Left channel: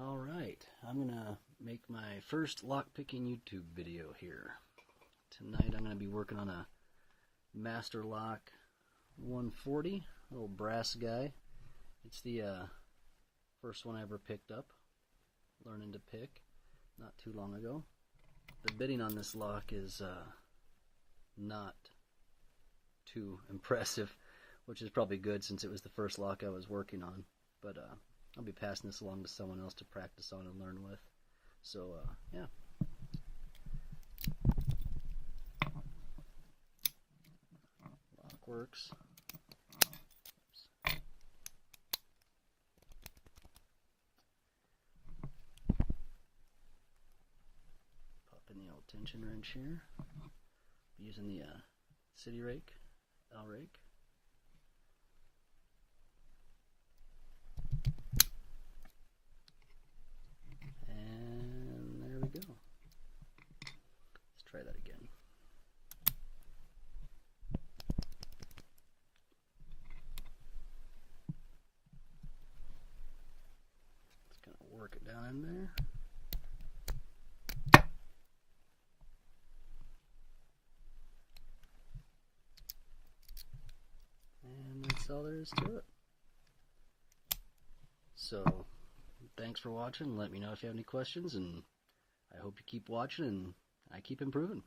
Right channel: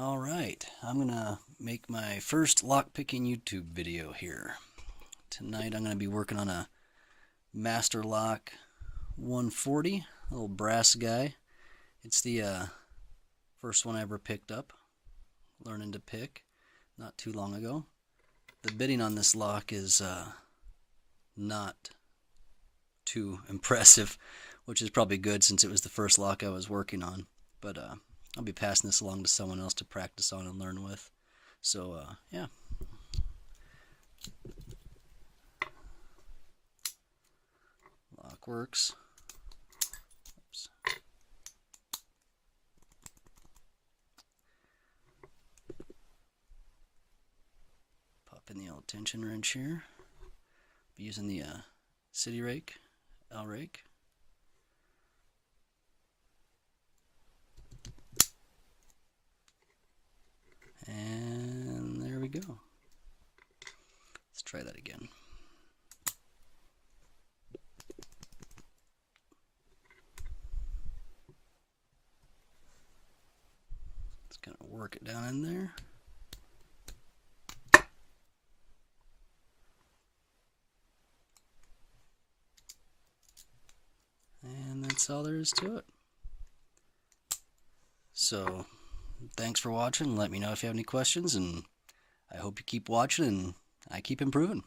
Alright, I'm gonna make my first lockpicking YouTube video here. Tonight I'm gonna be working on a Master Lock 140, little brass guy. It's the first one I ever picked up, learning to pick not too long ago. The bitting on this lock is not too impressive, which is probably good since it was the first lock I was working on. But I'll be passing this along to someone else to practice on and learn with. So, yeah. Lock works. Oops. Pop in the old tension wrench here. Be using the city rake, rake. And there we go. Let's try that again. Let's kind of work it down in there. And that's all there is to it. So, thanks for watching. Let me know if you have any questions, and I hope you keep watching and I keep improving.